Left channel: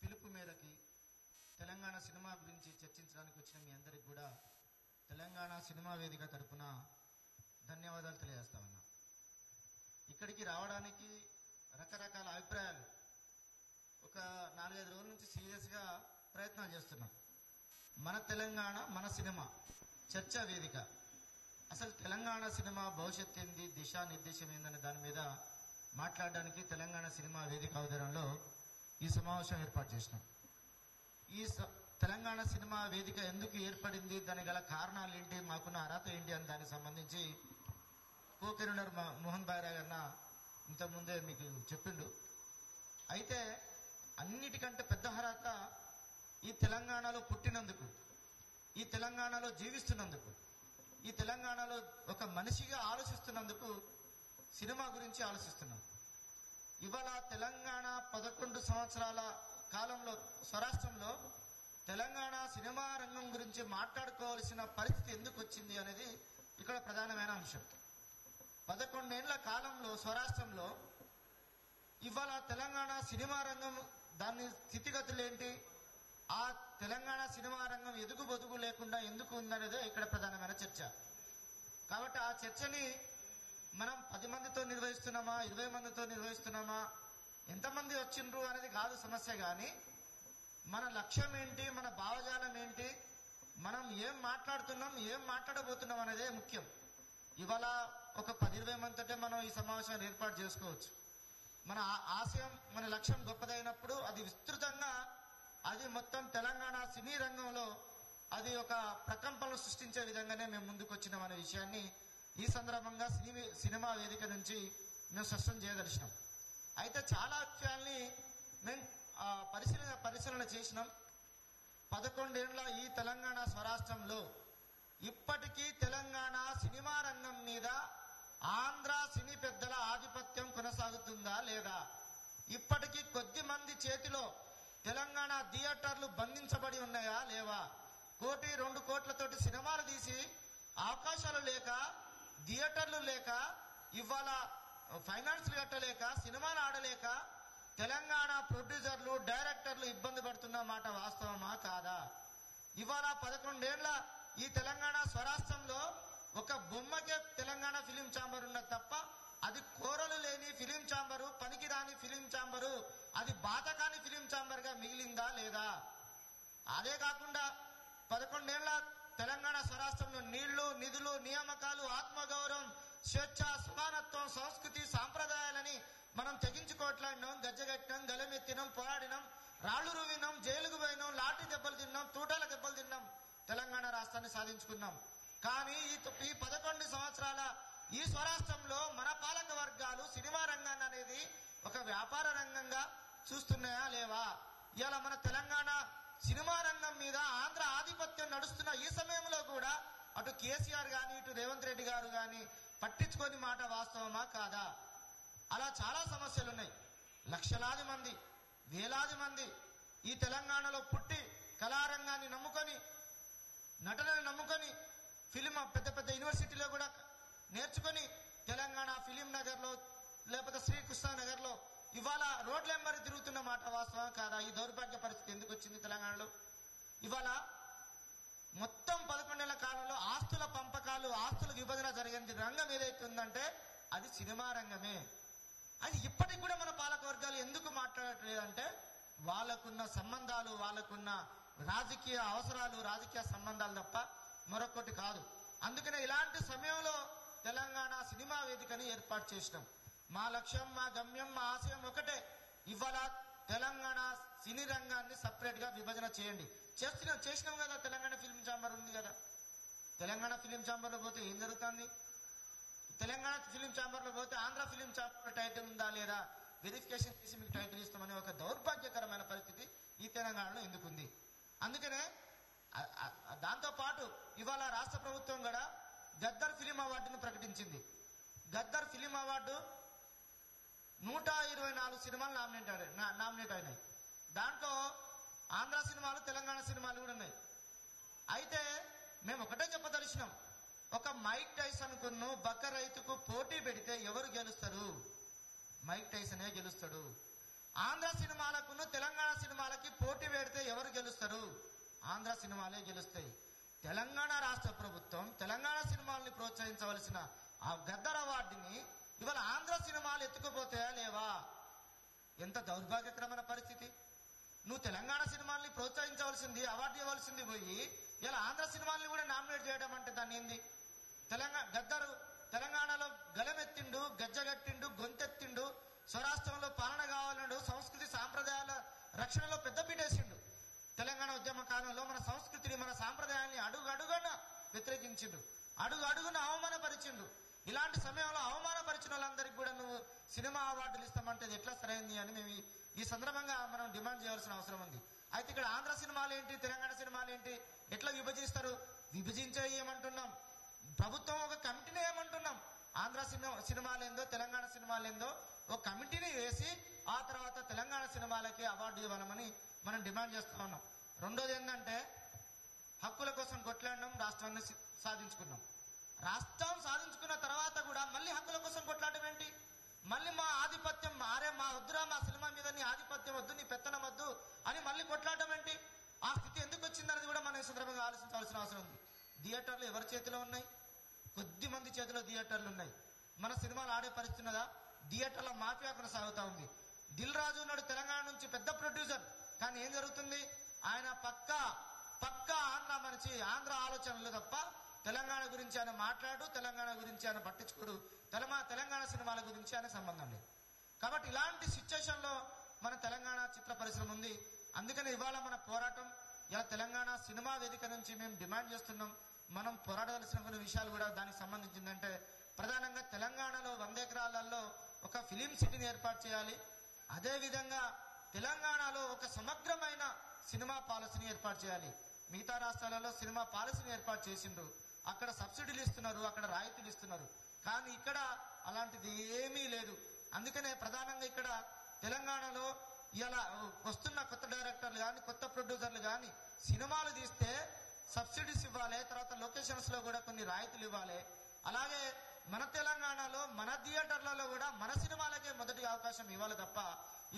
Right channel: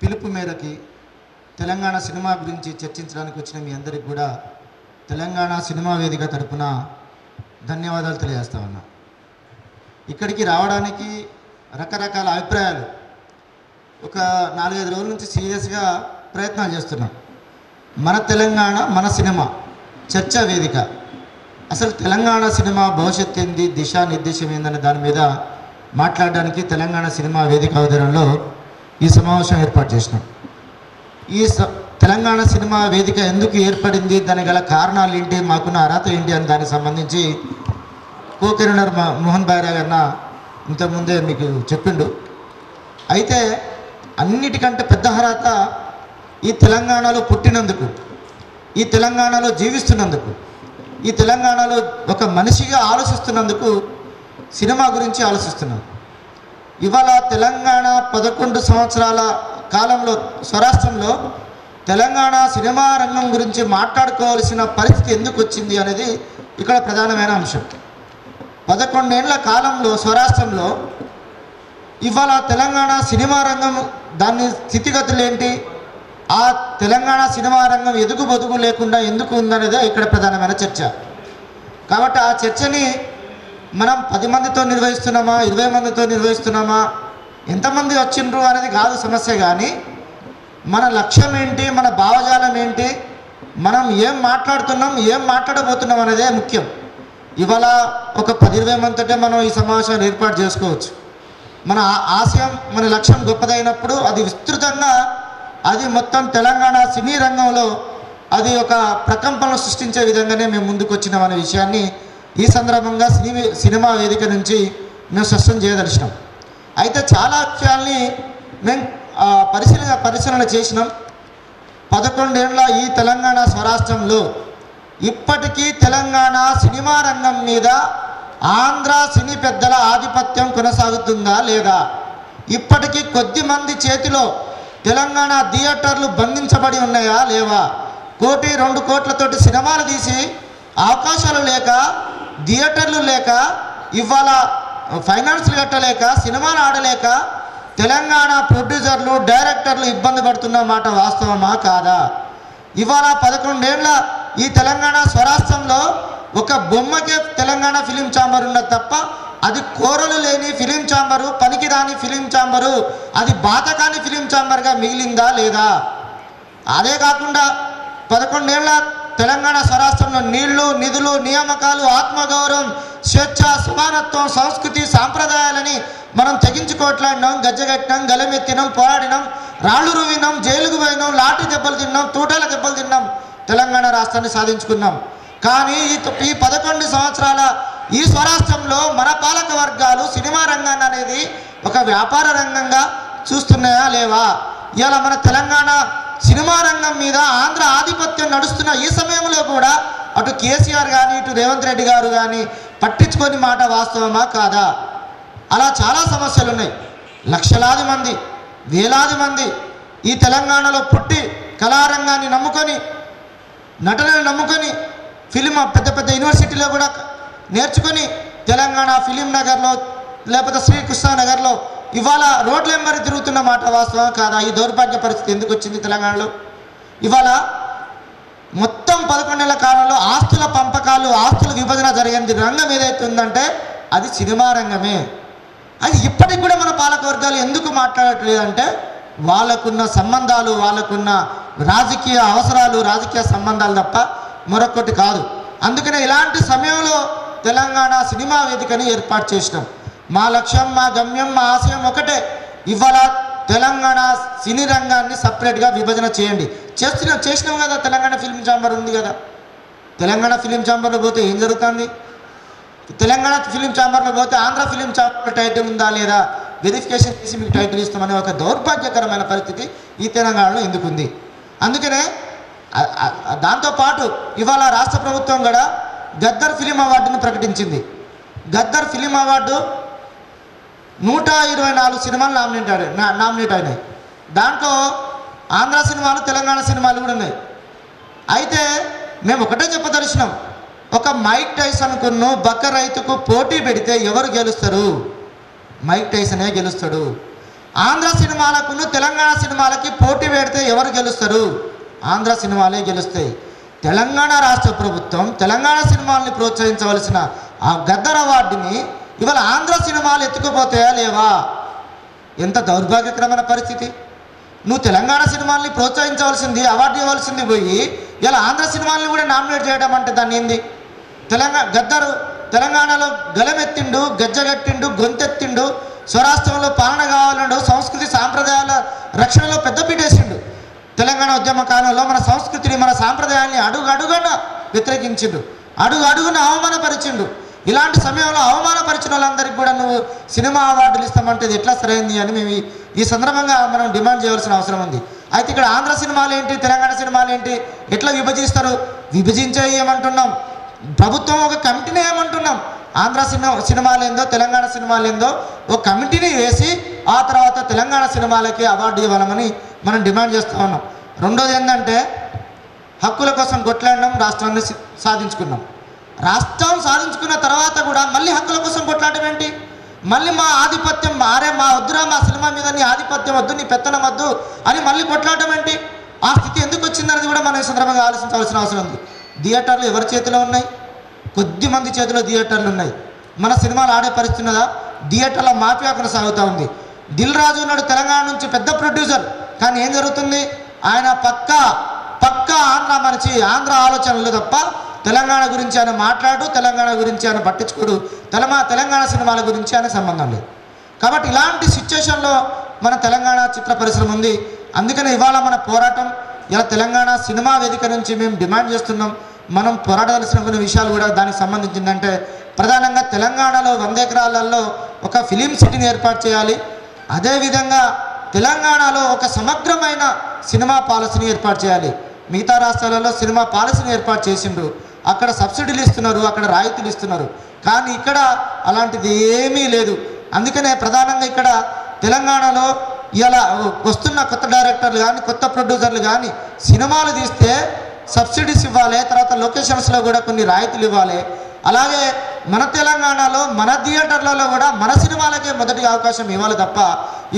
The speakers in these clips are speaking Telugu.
పిలుపు మేరకి తెలంగాణ సినిమా గురించి చర్చించడానికి వచ్చిన మీ అందరికి కూడా తెలంగాణ సినిమా వేదిక తరపున ధన్యవాదాలు తెలియజేస్తా ఉన్నా. ఇక్కడికి రావడానికి రకరకాల అభిప్రాయాలు ఒక 4-5 రోజుల నుంచి సీరియస్గా ప్రయత్నాలు చేస్తున్నాం. మన తెలంగాణ మన సినిమా చర్చా వేదిక, అసలు తెలంగాణ సినిమా భవిష్యత్తు ఏంది, దిశానిర్దేశం ఏందనే దాని మీద మాట్లాడడానికి తెలంగాణ సినిమా వేదిక ఆధ్వర్యంలో ఈ సమావేశం ఏర్పాటు చేసినాం. ఈ తెలంగాణ సినిమా వేదిక ఎందుకు ఏర్పడింది, దానికి గల కారణాలు ఏంటి, మాకున్న అర్హత ఏంటి అని దానికి సంబంధించి కో-కన్వీనర్ మోహన్ భాయ్ గారిన ఇంతకుముందే మీకు చెప్పిండు. అయితే అన్నిటికంటే పెద్ద అర్హత ఈ తెలంగాణలో పుట్టినందుకు, ఈ తెలంగాణలో జీవిస్తున్నందుకు, ఈ తెలంగాణలో ఒక మనిషిగా ఆలోచిస్తున్నందుకు సినిమా గురించి ఆలోచిస్తున్నాం. ఇవాళ తెలంగాణ 11 సంవత్సరాల కాలంలో స్వరాష్ట్రంలో తెలంగాణ సినిమా రంగం గురించి మాట్లాడుకోవాల్సిన పరిస్థితి ఎందుకు వచ్చింది అనేది ఇక్కడ ప్రధానమైన అంశం. 11 ఏళ్ల కాలంలో స్వరాష్ట్రంలో ఇవాళ తెలంగాణ సినిమా రంగం దాని స్థితిగతులు ఏంటి, ఆ తెలంగాణ సినిమా రంగం ఎదుగు బొదుగు లేకుండా ఎందుకు ఉందనేదే ఇక్కడ ప్రధానమైన చర్చ. కాబట్టి ఆ చర్చని మనం 10 మందితో నిర్వహిస్తున్నామా, 20 మందితో నిర్వహిస్తున్నామా, ఎంతమంది వచ్చిండ్రు అనేది కాదు సమస్య. కానీ మన లక్ష్యం ఏంటి, మన భావజాలం ఏంటి, మనం ఏం మాట్లాడుతున్నాం, ఏం మాట్లాడబోతున్నాం అనేదే ముఖ్యం. ఇవాళ ఒక 10-20 మందితోటే మనం ఈ సమావేశాన్ని ఏర్పాటు చేసుకోవచ్చు. మన ఆశయం, మన లక్ష్యం గొప్పదైనప్పుడు అది విస్తృతంగా, అది మొత్తం తెలంగాణ సినీ రంగంలో అది ఒక ప్రకంపనలు సృష్టించే విధంగానే మేము ముందుకు వచ్చినాం అనే విషయాన్ని ఈ సందర్భంగా సినిమా వేదిక నుంచి మేము స్పష్టం చేయదలిచినాం. అయితే చాలా విషయాల్ని మేము పరిశీలన చేసినాం. 11 ఏళ్ల ఈ తెలంగాణ స్వరాష్ట్రంలో ఇప్పటికీ తెలంగాణ సినిమా రంగం మీద ఆంధ్ర సినీ పెద్దల ఆధిపత్యం కొనసాగుతుందా లేదా, ఇప్పటికీ కొద్ది మంది చేతిలో తెలంగాణ థియేటర్లు బంధించబడి ఉన్నాయా లేవా, 1-2 కోట్లతోటి సినిమాలు తీసి అవకాశాలు లేక, థియేటర్లు లేక, ఇవాళ ఫైనాన్స్లు కట్టలేక, సినిమాలు ఆడలేక తెలంగాణ ప్రొడ్యూసర్లు డైరెక్టర్లు ఇబ్బంది పడుతున్న మాట వాస్తవమా కాదా? ఇవాళ 11 ఏళ్ల ఈ తెలంగాణ స్వరాష్ట్రంలో ఒక బొమ్మకే తెలంగాణ ఫిలిం ఛాంబర్ ఉన్నది తప్ప అది కోరలు లేని ఫిలిం ఛాంబరు, పనికిరాని ఫిలిం ఛాంబరు, అది బాతకాని ఫిలిం ఛాంబర్గా మిగిలిందా లేదా? అదే కాకుండా 11 ఏళ్ల తెలంగాణ స్వరాష్ట్రంలో నీళ్లు, నిధులు, నియామకాలు, ఆత్మగౌరవం, స్వేచ్ఛ, సమానత్వం, సంస్కృతి, సాంప్రదాయాలని మనం తెగించుకోట్లాడినాం, గజ్జగట్టినాం, గలమెత్తినాం, పోరాడినాం, రాళ్ళు రువినాం, జైలుకు పోయినాం, లాఠీ దెబ్బలు తిన్నాం, తూటాల దెబ్బలు తిన్నాం, తెలంగాణ రాష్ట్రాన్ని సాధించుకున్నాం. కానీ ఈ 11 సంవత్సరాల ఈ స్వరాష్ట్రంలో మన పాలక వర్గాలు సినిమా రంగాన్ని అనేది ఒక వ్యాపార రంగంగా చూస్తున్నాయా లేవా? ఇవాళ మన తెలంగాణ సినిమా రంగం మీద ఆంధ్ర ఆధిపత్యం నడుస్తున్న ఈ సమయంలో కూడా అటు కేసీఆర్ కానీ, ఇటు రేవంత్ రెడ్డి గారు కానీ పట్టించుకొని మాట వాస్తవమా కాదా? అలా చాలా సమస్యలు ఉన్నాయి. లక్షలాది మంది, వేలాది మంది ఈ తెలంగాణలో పుట్టి కళారంగాన్ని నమ్ముకొని, నటనను నమ్ముకొని, ఫిలిం పెద్ద పెద్ద యూనివర్సిటీలో కూడా నేర్చుకొని తెలంగాణ ఫిలిం నగర్లో లేకపోతే శ్రీకృష్ణ నగర్లో ఇవాళ రోడ్ల వెంబడి తిరుగుతున్న మాట వాస్తవం కాదా? ఈ దౌర్భాగ్య పరిస్థితి ఎందుకు వచ్చింది తెలంగాణలో? ఇవాళ మొత్తం 11 ఏళ్ల కాలంలో ఆస్తుల పంపకాలు, ఆస్తుల విభజన జరిగింది రంగం ఏదైతే ఉందంటే అది సినిమా రంగమే. అది ఇప్పటికి కూడా మన పాలక వర్గాలు ఎందుకు మాట్లాడట్లేదంటే వాళ్ళకున్న సంబంధాలు, వాళ్ళకున్న రాజకీయ అవసరాలు, రాజకీయ సంబంధాలు తప్ప మరొకటి కాదు. అందుకనే ఇలాంటి సమయంలో తెలంగాణ సినిమా వేదికని ఏర్పాటు చేసినాం. మా లక్ష్యం, మా గమ్యం, మా ఆశయం ఒకటే, ఇవాళ తెలంగాణ సినీ రంగాన్ని సపరేట్గా విభజన చేయండి. చేసినాం కదా. తెలంగాణ ఫిలిం ఛాంబర్ ఉంది కదా. తెలంగాణ ఫిలిం ఛాంబర్లో పోతే ఏం జరుగుతుంది? తెలంగాణ ఫిలిం ఛాంబర్లో పోతే ఆంధ్ర ఫిలిం ఛాంబర్ టైటిల్ ఉందా లేదా వెరిఫికేషన్ చేసి మీకు టైటిల్ ఇస్తామనే ఒక దౌర్భాగ్యకరమైన పరిస్థితి ఈ తెలంగాణలో ఎందుకుంది. అందుకనే దాంతోపాటు ఇవాళ రాష్ట్ర ప్రభుత్వం కూడా గద్దర్ ఫిలిం అవార్డును ప్రకటించింది. గద్దర్ ఫిలిం అవార్డు 124 సినిమాలు నామినేట్ అయినాయి. దాంట్లో ఆంధ్ర సినిమాలు, తెలంగాణ సినిమాలు కూడా ఉన్నాయి. అయితే మేము ఒకటే చెప్పదలిచినాం, ఒక మైక్ టైసన్కును బక్క రైతుకు పోటీ పెడితే ఎవరు గెలుస్తారు? మైక్ టైసనే గెలుస్తాడు. ఆంధ్ర సినిమాలకును తెలంగాణ సినిమా సినిమాలకి పోటీ పెడితే ఎవరు గెలుస్తారు? ఆంధ్ర సినిమాలే గెలుస్తాయి. తెలంగాణ రాష్ట్ర ప్రభుత్వం తెలంగాణ సినిమాల్ని ప్రోత్సహించవలసిన ఆ గద్దర్ అవార్డుని ఇవాళ ఆంధ్ర సినిమాలు ఎత్తుకుపోతాయా లేవా? ఎంత దౌర్భాగ్యకరమైన పరిస్థితి. నువ్వు తెలంగాణ సినిమాల్ని ప్రోత్సహించవలసింది, అవార్డు ఇవ్వాల్సింది పోయి ఇలా ఆంధ్ర సినిమాల్ని కూడా నామినేట్ చేయడం అంటే దాన్ని ఏంది? గద్దరు తెలంగాణలో గలమెత్తిండు, గజ్జగట్టిండు, గొంతెత్తిండు, స్వరాష్ట్రంలో పాలన కావాలండు, సంస్కృతి సాంప్రదాయాల రక్షణలో పెద్దపీటేసిండు. తెలంగాణ ఉద్యమ కాలంలో మన సంస్కృతిని మన సాంప్రదాయాల్ని అడుగడుగున వ్యతిరేకించిండు, అడుగడుగున అవమానపరిచిండు. ఇలాంటి సమయంలో అవమానపరిచిన వాళ్ళందరికీ కూడా నువ్వు సినిమా అవార్డులు ఇస్తామంటే ఇది ఎట్లా సరైంది అని మేము ఈ సందర్భంగా మనం డిమాండ్ చేయవలసిన అవసరం ఉంది. అయితే ఇక్కడ ఆంధ్ర సినిమాలు ఏంటి, తెలంగాణ సినిమాలు ఏంటి, ఎట్లా విభజిస్తారు? విభజించే ఏమంటున్నాం, ప్రభుత్వం ఒక కమిటీని ఏమంటున్నాం, ఆంధ్ర సినిమాలు ఏందో తెలంగాణ సినిమాలు ఏందో ఒక కమిటీని వేసి ఆ తర్వాత తెలంగాణ సినిమాలకి అవార్డు ఇవ్వాలని మనం డిమాండ్ చేస్తూ ఉన్నాం. రెండోది ఏంటంటే హక్కుల కోసం కొట్లాడడం, రాష్ట్రాన్ని సాధించుకున్నాం. రాష్ట్రం సాధించుకున్న తర్వాత కూడా మళ్ళీ హక్కుల కోసం కొట్లాడడం ఏంటి? మళ్ళీ మా ఆధిపత్యం మా వద్దురా, మా సినిమా మీద నీ ఆధిపత్యం వద్దు, నీ పెత్తనం వద్దు అని మళ్ళీ కొట్లాడడం ఏంటి? ఆ స్థితి ఎందుకు వచ్చిందనేది కూడా మనం ఈ సందర్భంగా ఆలోచించవలసిన అవసరం ఉంది. థియేటర్లు ఎవరి చేతిలో ఉన్నాయి? కొద్ది మంది చేతిలో థియేటర్లు ఉన్నాయి. మన సినిమాలు ఆడే పరిస్థితి ఉన్నదా? థియేటర్ల మాఫియా కొనసాగుతూ ఉంది. దిల్ రాజు ఉన్నాడు, తెలంగాణ నుంచి పెద్ద ప్రొడ్యూసర్. కానీ ఏం జరుగుతుంది? ఆయన పక్కా ఆంధ్ర మనిషి, ఆంధ్ర ఆలోచనలు తప్ప తెలంగాణ గురించి ఆయన మాట్లాడు, తెలంగాణ గురించి ఆయన పట్టించుకోడు, తెలంగాణ సినిమాల గురించి ఆయన సంబంధం లేదు. కాబట్టి ఇలాంటి సిచ్యువేషన్లో మన తెలంగాణ చిత్ర పరిశ్రమ ఉంది. అందుకని ఇవాళ మన పోరాటం ఇలా తెలంగాణ సినిమా వేదిక నుంచి మేము డిమాండ్ చేస్తున్నాం. మనం పోరాడాల్సిన కొన్ని విషయాలు కూడా దానికి సంబంధించిందంటే ప్రధానంగా తెలంగాణలో 100 ఎకరాలలో ఒక ఫిలిం సిటీని ఏర్పాటు చేయాలి. అదేవిధంగా తెలంగాణలో ఒక సమగ్రమైన సినిమా పాలసీని ఏర్పాటు చేయాలి. మిగతా రాష్ట్రాలలో సినిమా పాలసీని ఏర్పాటు చేసిండ్రు, అక్కడ సబ్సిడీలు ఇస్తున్నారు, అక్కడ రాయితీలు ఇస్తున్నారు. కానీ ఇక్కడ అలాంటిది ఏమీ లేదు. అందుకనే ప్రధానంగా ఇక్కడ తెలంగాణలో ఇలా వస్తున్న కొత్త డైరెక్టర్లు కానీ కొత్త ప్రొడ్యూసర్లు కానీ సినిమాలు తీస్తే సబ్సిడీస్ ఇవ్వాలి, తర్వాత లొకేషన్స్లో కూడా కొన్ని రాయితీలు ఇవ్వాలి. అలాగే మన తెలంగాణలో మన థియేటర్లలో కూడా మన సినిమాలకే మొదటి అవకాశం ఇవ్వాలి తప్ప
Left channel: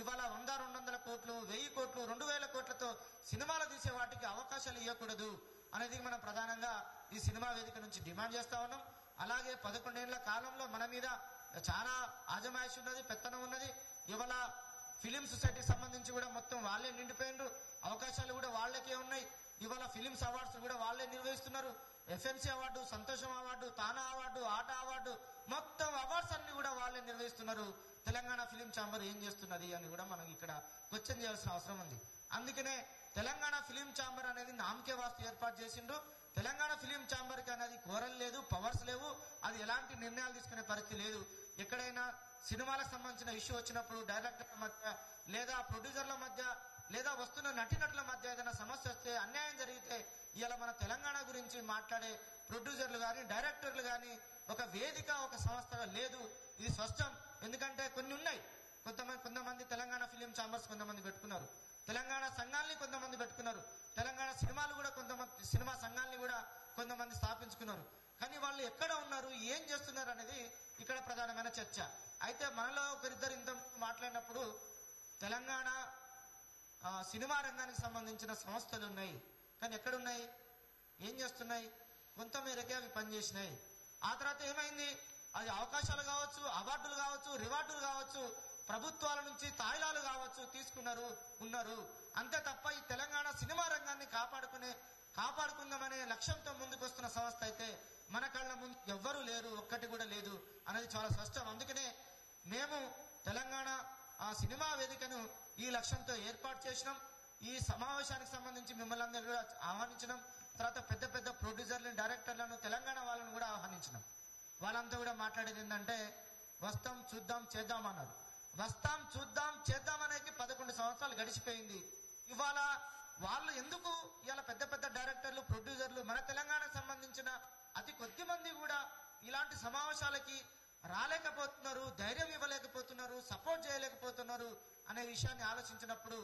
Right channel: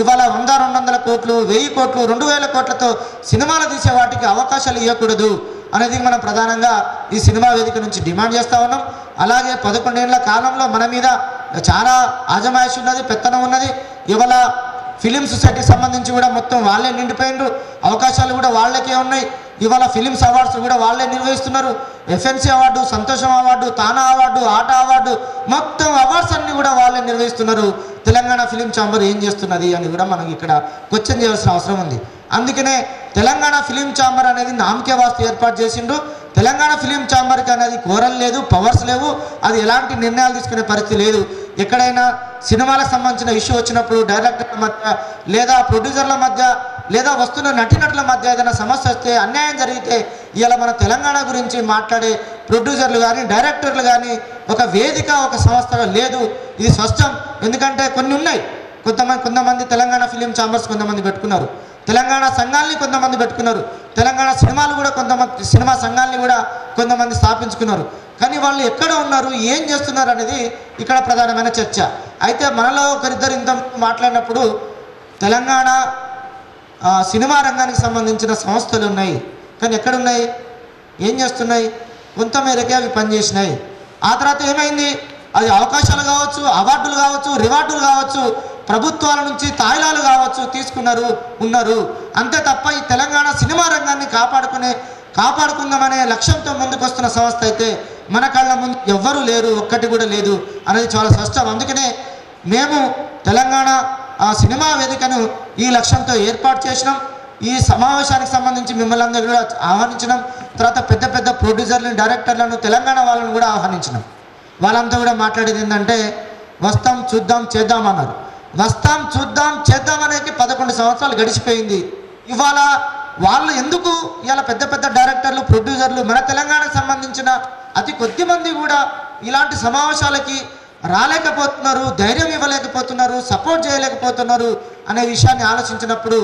ఇవాళ 100-200 కోట్లు, 1000 కోట్లు, 2000 కోట్లతో సినిమాలు తీసే వాటికి అవకాశాలు ఇవ్వకూడదు అనేది మనం ప్రధానంగా ఈ సినిమా వేదిక నుంచి డిమాండ్ చేస్తూ ఉన్నాం. అలాగే 11 ఏళ్ల కాలంలో మన మీద చాలా ఆజమాయిషి ఉన్నది, పెత్తనం ఉన్నది. ఇవాళ ఫిలిం సొసైటీకి సంబంధించి కూడా మొత్తం వాళ్ళే నిండిపోయిండ్రు, అవకాశాలు కూడా వాళ్ళకే ఉన్నాయి. ఇవాళ ఫిలిమ్స్ అవార్డ్స్ కూడా వాళ్ళే నిర్వహిస్తున్నారు. ఎఫ్ఎన్సీ అవార్డు, సంతోషం అవార్డు, తానా అవార్డు, ఆట అవార్డు, మొత్తం అవార్డ్స్ అన్నీ కూడా వాళ్ళే నిర్వహిస్తున్నారు. తెలంగాణ ఫిలిం ఛాంబర్ ఏం చేస్తున్నది అని కూడా మనం ఇక్కడ క్వశ్చన్ చేయాల్సిన అవసరం ఉంది. అందుకనే తెలంగాణ ఫిలిం ఛాంబర్ అనేది నామకే వాస్తు ఏర్పాటు చేసిండ్రు. తెలంగాణ ఫిలిం ఛాంబర్కి అనేది కోరలు లేదు, పవర్స్ లేవు, అది ఎలాంటి నిర్ణయాలు తీసుకునే పరిస్థితి లేదు. ఎక్కడైనా సినిమాలకు సంబంధించిన ఇష్యూ వచ్చినప్పుడు డైరెక్టర్ల మధ్య లేదా ప్రొడ్యూసర్ల మధ్య లేదా వస్తున్న నటీనటుల మధ్య ఏదైనా సమస్య వస్తే, అన్యాయం జరిగితే ఇలా మన తెలంగాణ గురించి మాట్లాడే ప్రొడ్యూసర్లు కానీ డైరెక్టర్లు కానీ ఒక వేదిక, ఒక సంస్థగా లేదు. ఇది స్పష్టం. ఎందుకంటే కొన్ని ఉన్నాయి, కొంతమంది తెలంగాణ ఫిలిం ఛాంబర్స్ కొంతమంది పెట్టుకున్నారు, తెలంగాణ సంఘాలని కొంతమంది పెట్టుకున్నారు, తెలంగాణ సినిమాలు కూడా కొంతమంది సినిమా సంఘాలని కూడా కొంతమంది స్థాపించుకున్నారు. కానీ వాళ్ళు ఎక్కడ ఉన్నారు, ఏం చేస్తున్నారు అనేది ఇక్కడ ప్రధానమైన చర్చ. అయితే మనలో ఒకరిద్దరు ఇంత మాట్లాడినప్పుడు తెలంగాణ సినిమా రంగానికి సంబంధించిన సంస్థలు ఉన్నాయి, కానీ ఎక్కడున్నాయి, ఏం చేస్తున్నాయి? కొంతమేరకే అవి పనిచేసినాయి. ఆ తర్వాత ఏమైంది? అది అవకాశాలు కావచ్చు, అవార్డులు కావచ్చు, రివార్డులు కావచ్చు, ప్రభుత్వాల నుంచి తాయిలాలు కావచ్చు ఉన్నారు. అంతే తప్ప ఈ తెలంగాణ సినిమా రంగాన్ని కాపాడుకుందామనే లక్ష్యంతో ముందుకు వస్తున్న సంస్థ అయితే మన కళ్ళ ముందు ఎవ్వరూ లేరు, ఒక్కటి కూడా లేదు అనేది చాలా స్పష్టం. అందుకనే మేము తెలంగాణ సినిమా వేదికను ఈ లక్ష్యంతో ఏర్పాటు చేసినాం. ఈ సమావేశానికి సంబంధించి మిమ్మల్ని అందరూ కూడా ఆహ్వానించినాం. తర్వాత పెద్ద పెద్ద ప్రొడ్యూసర్లను, డైరెక్టర్లను, తెలంగాణ వాళ్ళను కూడా ఆహ్వానించినాం. వాళ్ళంతా కూడా మాట్లాడేది ఏంటంటే వస్తాం, చూద్దాం, చేద్దాం అన్నారు. వస్తాం, చూద్దాం, చేద్దాం అనేది 11 సంవత్సరాలు గడిచిపోయింది. ఇవాళ వాళ్ళు ఎందుకు ఇలా పెద్ద పెద్ద డైరెక్టర్లు, ప్రొడ్యూసర్లు మన తెలంగాణకు సంబంధించిన అతి కొద్ది మంది కూడా ఇలాంటి సమావేశాలకి రాలేకపోతున్నారు, ధైర్యం ఇవ్వలేకపోతున్నారు, సపోర్ట్ చేయలేకపోతున్నారు అనే విషయాన్ని ఆలోచించినప్పుడు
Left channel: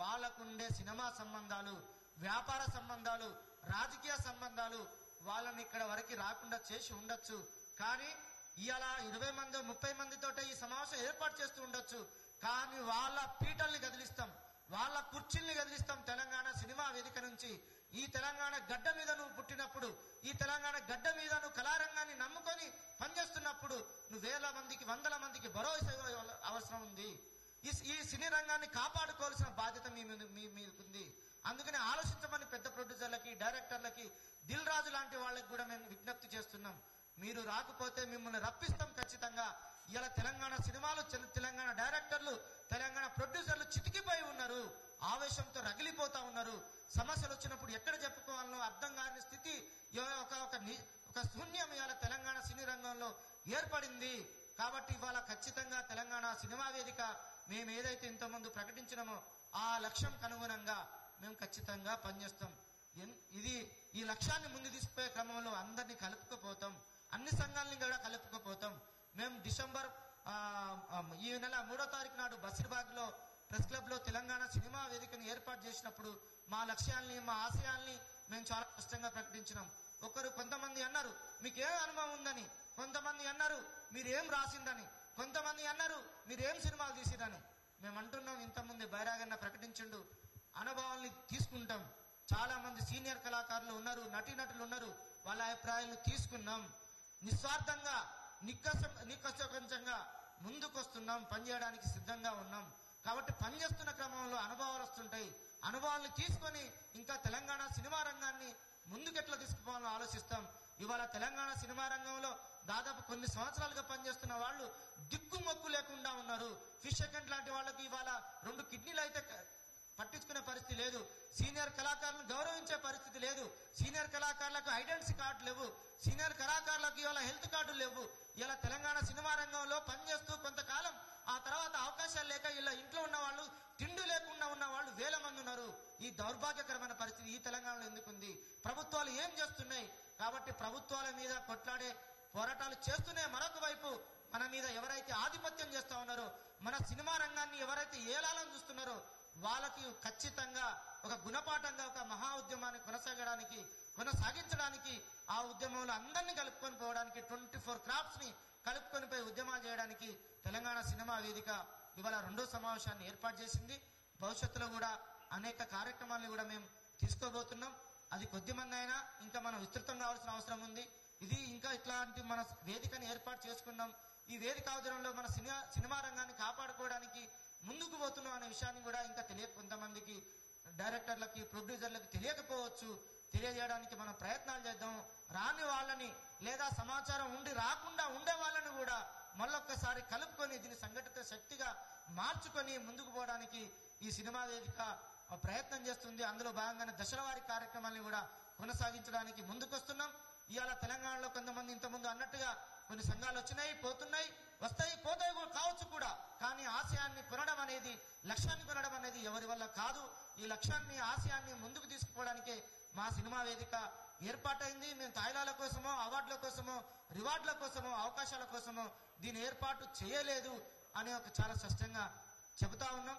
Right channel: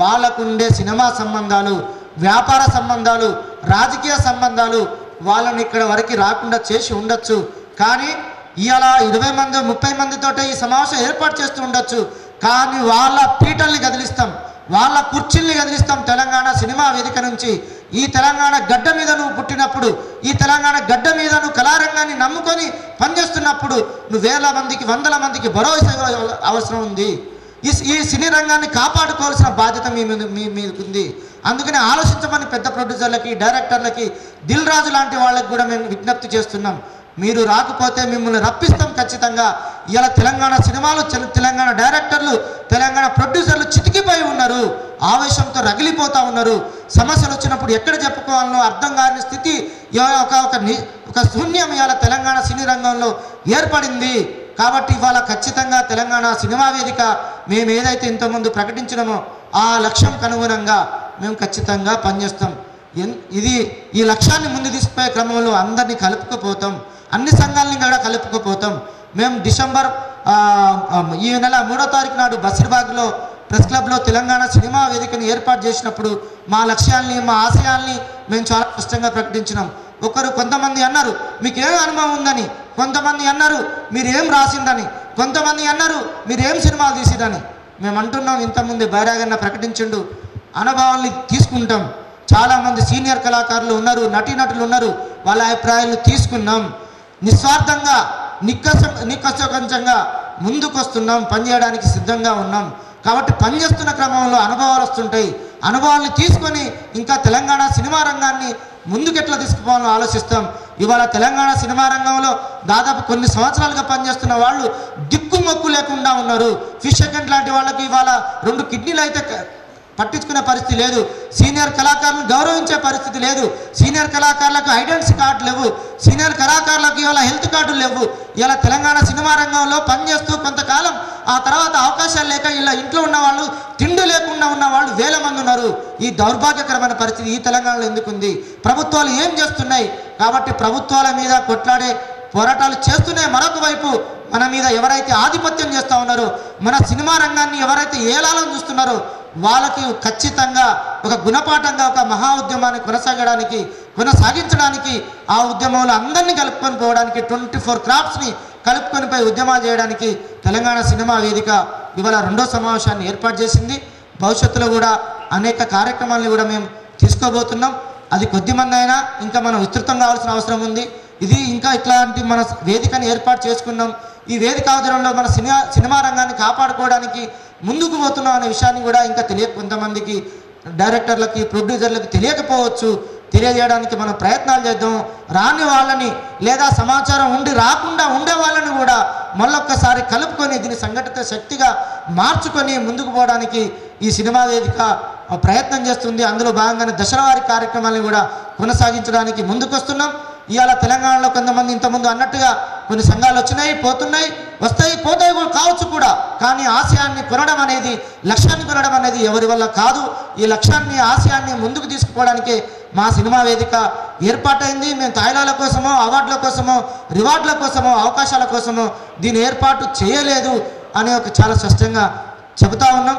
వాళ్ళకుండే సినిమా సంబంధాలు, వ్యాపార సంబంధాలు, రాజకీయ సంబంధాలు వాళ్ళని ఇక్కడ వరకు రాకుండా చేసి ఉండొచ్చు. కానీ ఇవాళ 20 మంది 30 మందితోటే ఈ సమావేశం ఏర్పాటు చేస్తూ ఉండొచ్చు. కానీ వాళ్ళ పీటల్ని కదిలిస్తాం, వాళ్ళ కుర్చీల్ని కదిలిస్తాం తెలంగాణ సినిమా వేదిక నుంచి. ఈ తెలంగాణ గడ్డ మీద నువ్వు పుట్టినప్పుడు, ఈ తెలంగాణ గడ్డ మీద నువ్వు కళారంగాన్ని నమ్ముకొని పనిచేస్తున్నప్పుడు నువ్వు వేల మందికి, వందల మందికి భరోసా అవసరం ఉంది. ఈ సినీ రంగాన్ని కాపాడుకోవాల్సిన బాధ్యత మీకుంది. అందుకని ఆలోచించమని పెద్ద ప్రొడ్యూసర్లకి, డైరెక్టర్లకి, దిల్ రాజు లాంటి వాళ్ళకి కూడా మేము విజ్ఞప్తి చేస్తున్నాం. మీరు రాకపోతే మిమ్మల్ని రప్పిస్తాం ఖచ్చితంగా. ఇలా తెలంగాణ సినిమాలు, తెలంగాణ డైరెక్టర్లు, తెలంగాణ ప్రొడ్యూసర్లు చితికిపోయి ఉన్నారు, ఆవేశంతో రగిలిపోతూ ఉన్నారు. సమస్యలు వచ్చినప్పుడు ఎక్కడ చెప్పుకోవాలనో అర్థం కాని స్థితి, ఒక శూన్యం ఇవాళ తెలంగాణ సినీ రంగంలో ఏర్పడింది. కాబట్టి ఇవాళ ఖచ్చితంగా తెలంగాణ సినిమా వేదిక మేము ఏదైతే ఇంతకుముందు ప్రకటించినామో ఆ లక్ష్యంకు అనుగుణంగా మేము ఖచ్చితంగా పనిచేస్తాం. ఈ లక్ష్యాన్ని ముందు తీసుకుపోయే క్రమంలో అందరినీ కలుపుకుపోతాం, అన్ని సంఘాలని కూడా కలుపుకుపోతాం. మేము డిసెంబర్ ఈ నెల 3వ తారీఖు నాడు బసిర్బాగ్లో ప్రెస్ క్లబ్లో తెలంగాణ సినిమా వేదికను ఏర్పాటు చేసినప్పుడు మా లక్ష్యాల్ని, మా ఆశయాల్ని మేము చాలా స్పష్టంగా ప్రకటించినాం. కొంతమంది అన్నారు మీకేం అనుభవం ఉందని, కొంతమంది అన్నారు మీరేం రాసిందని, కొంతమంది అన్నారు మీరేం సినిమాలు తీసిరని. మేము అంటున్నాం, ఇంతకుముందు బైరాగన్న ప్రకటించిండు, అనుభవాల్ని తీసుకుంటాం. చాలామంది సీనియర్ కళాకారులు ఉన్నారు, నటీనటులు ఉన్నారు, వాళ్ళ అభిప్రాయాలను తీసుకున్నాం. నిస్వార్థంగా నిక్కసకంచంగా ముందుకు వస్తున్నాం, పనిచేయడానికి సిద్ధంగా ఉన్నాం. కాబట్టి పనిచేస్తున్న క్రమంలో అనుభవాలు వస్తుంటాయి. అనుభవాల్ని తీసుకొని ఇంకా తెలంగాణ సినిమా రంగాన్ని ముందుకెట్లా తీసుకుపోవాలని ఆలోచిస్తాం. ఇవాళ తెలంగాణ సినిమా రంగంలో దాదాపు కొన్ని సంవత్సరాలుగా పనిచేస్తున్న వాళ్ళు దిక్కుమొక్కు లేకుండా ఉన్నారు. ఫిష్ సెకండ్ లాంటి వాళ్ళకి ఇవాళ 2 కిడ్నీలు అయితే పట్టించుకునే పరిస్థితి లేదు. సీనియర్ కళాకారులను గౌరవించే పరిస్థితి లేదు. సీనియర్ కళాకారులకు ఐడెంటిటీ కార్డు లేవు. సీనియర్ కళాకారులకు ఇవాళ హెల్త్ కార్డులు లేవు. ఇలా తెలంగాణ సినిమా రంగంలో పనిచేస్తూ కొంతకాలం ఆ తర్వాత అవకాశాలు లేక ఇలా ఇంట్లో ఉన్న వాళ్ళు, తిండి లేకుండా ఉన్న వాళ్ళు వేల మంది ఉన్నారు. ఈ దౌర్భాగ్యకరమైన పరిస్థితి ఈ తెలంగాణలో ఎందుకుంది? ప్రభుత్వాలు ఏం చేస్తున్నాయి? కాబట్టి ప్రభుత్వాల మీద కొట్లాడే పోరాటాలు చేస్తూనే మరొక వైపు మన మీద ఎవరైతే ఆధిపత్యం చేస్తూ ఉన్నారో, మన సినిమా రంగాన్ని ఎవరైతే ఏలాలని చూస్తున్నారో వాళ్ళకి ఖచ్చితంగా ఒక గుణపాఠంగా ఒక మహా ఉద్యమాన్ని కొనసాగించడానికి, ఆ ఉద్యమంలో అందరినీ కలుపుకొని పోవడానికి, 24 క్రాఫ్ట్స్ని కలుపుకొని పోయి ఉద్యమాలు చేయడానికి తెలంగాణ సినిమా వేదిక ఇవాళ 2వ సమావేశాన్ని ఏర్పాటు చేసింది. భవిష్యత్తులో కూడా అనేక కార్యక్రమాలను కూడా మేము తీసుకోబోతున్నాం. అది కొద్దిమంది అయినా ఇంకా మనం విస్తృతం కావాల్సిన అవసరం ఉంది. ఇది ఇంకా ఇట్లాంటి మన వేదికని ఏర్పాటు చేసుకున్నాం. ఈ వేదిక ఆధ్వర్యంలో మన సినిమా రంగాన్ని కాపాడుకోవడానికి ముందుకు పోతున్నాం అనే విషయాన్ని కూడా ఇంకా కొంతమందికి డైరెక్టర్లకి, ప్రొడ్యూసర్లకి తెలియకపోవచ్చు. తెలియజేయడానికి మనం ప్రయత్నాలు చేద్దాం. రాని వాళ్ళని లేదా సమాచారం రాకుండా ఉండే వాళ్ళని కూడా మళ్ళొక్కసారి కలుపుకొని దీన్ని సంఘటిత శక్తిగా మార్చుకొని ముందుకు పోవడానికి ఈ సినిమా వేదిక ప్రయత్నం చేస్తుంది. అందులో భాగంగానే దశలవారీ కార్యక్రమాలను కూడా కొనసాగించడానికి ముందుకు వస్తున్నాం. ఇవాళ తెలంగాణలో కొంతమంది ఇంతకుముందు అన్నట్టుగా కొన్ని సంఘాలు వచ్చినాయి, పోతున్నాయి, వస్తాయి, పోతాయి కావచ్చు కూడా. కానీ ఆశయాన్ని కొనడం అనేది, లక్ష్యాన్ని కొనడం అనేది ఎవరి వల్ల కాదు. ఈ లక్ష్యాన్ని, ఆశయాన్ని ముందుకు తీసుకుపోవడానికే మా సినిమా వేదిక ఏర్పాటైంది. మేము తాయిలాల కోసమో, అవార్డుల కోసమో, రివార్డుల కోసమో, అవకాశాల కోసమో దీన్ని ఏర్పాటు చేయలేదు అని చాలా స్పష్టంగా చెబుతా ఉన్నాం.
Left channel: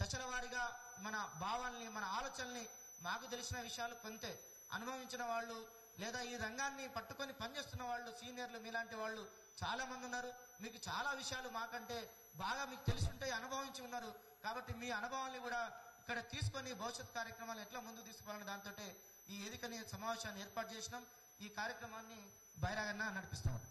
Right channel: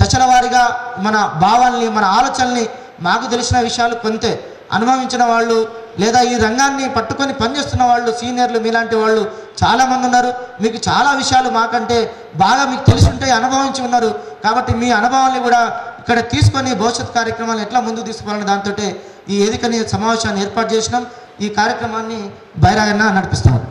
దశల వారీగా మన భావాల్ని, మన ఆలోచనల్ని, మాకు తెలిసిన విషయాలు కొంతే, అనుభవించిన వాళ్ళు లేదా ఈ రంగాన్ని పట్టుకొని పనిచేస్తున్న వాళ్ళు, సీనియర్లు మీలాంటి వాళ్ళు చాలామంది ఉన్నారు. మీకు చాలా విషయాలు మాకంటే బాగా మీకు తెలిసి ఉంటాయి, అనుభవించి ఉన్నారు. కాబట్టి మీ అనుభవాన్ని కూడా ఇక్కడ తీసుకొని భవిష్యత్ కార్యక్రమాలను ఎట్లా ముందుకు తీసుకోవాలని దాంతో ఈ వేదికని సమావేశాన్ని ఏర్పాటు చేసినాం. ఈ కార్యక్రమాన్ని బైరాగన్న నడిపిస్తున్నారు.